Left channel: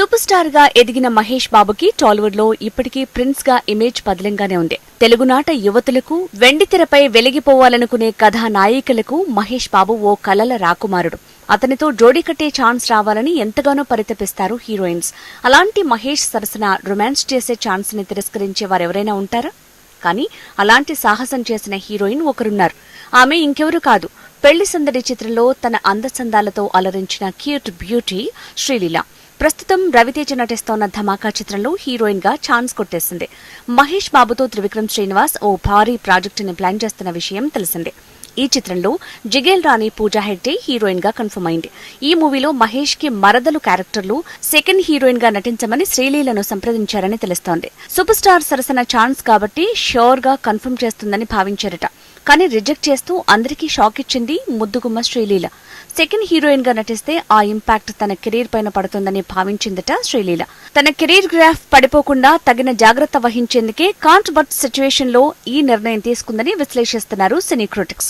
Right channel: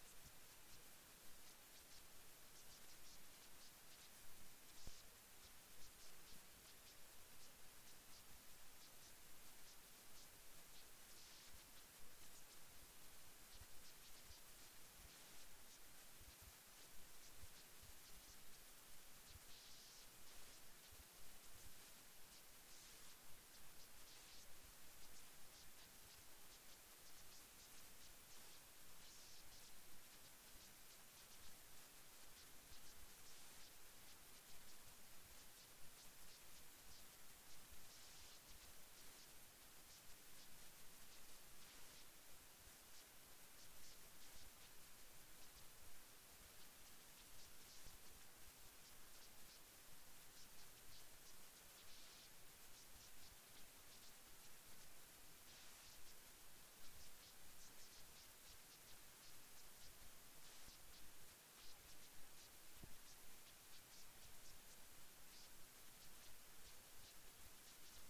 Super స్టార్గా ఎదిగిన మహేష్ బాబుకి టాలీవుడ్లో ఇప్పటికీ ప్రిన్స్గా ఇమేజ్ పదిలంగానే ఉంది. తెలుగునాట యువతులకు వెండితెరపై వెలిగిపోవాలనుకునే కథానాయికలకు మహేష్ బాబు ఓ కలల రాకుమారుడు. అతనితో జోడీ కట్టే ఛాన్స్ రావాలని ఎంతగానో పరితపిస్తారు హీరోయిన్స్. అలాంటి మహేష్ సరసన రొమాన్స్ చేసే ఛాన్స్ని తిరస్కరించే వారెవరైనా ఉంటారా? కానీ అలాంటి సాహసం చేసిన హీరోయిన్ ఒకరున్నారు. ఆమె ఇంకెవరు కాదు. పెళ్ళి సందడి చిత్రంలో తన అందచందాలతో అలరించిన క్యూట్ బ్యూటీ శ్రీలీల. ప్రస్తుతం రవితేజ నటిస్తోన్న ధమాకా చిత్రంలో హీరోయిన్గా ఛాన్స్ కొట్టేసింది. మహేష్ బాబుతో త్రివిక్రమ్ శ్రీనివాస్ ఓ భారీ ప్రాజెక్టుని ప్లాన్ చేస్తున్న విషయం తెలిసిందే. ఈ చిత్రంలో జిగేల్ రాణి పూజా హెగ్డే హీరోయిన్గా కన్ఫర్మ్ అయింది. ఈ మూవీలో మహేష్కి మరదలు క్యారెక్టర్లు సెకండ్ హీరోయిన్గా నటించమని శ్రీలీలను సంప్రదించారని తెలుస్తోంది. సూపర్ స్టార్ సరసన ఛాన్స్ కాబట్టి షోర్గా కన్ఫర్మ్ చేస్తుందని భావించారట. కానీ రిజెక్ట్ చేస్తూ అందరికీ షాక్ ఇచ్చింది ముద్దుగుమ్మ శ్రీలీల. సెకండ్ హీరోయిన్గా నటిస్తే ఆ ఇంపాక్ట్ తన కెరీర్ పైన పడుతుందని భావించిందట శ్రీలీల. తన కెరీర్ గ్రాఫ్ పడిపోకుండా తగిన జాగ్రత్త వహించేందుకే కాంట్ బట్ సిచ్యువేషన్లో ఈ నిర్ణయం తీసుకుందని విశ్లేషిస్తున్నారు సినీ క్రిటిక్స్.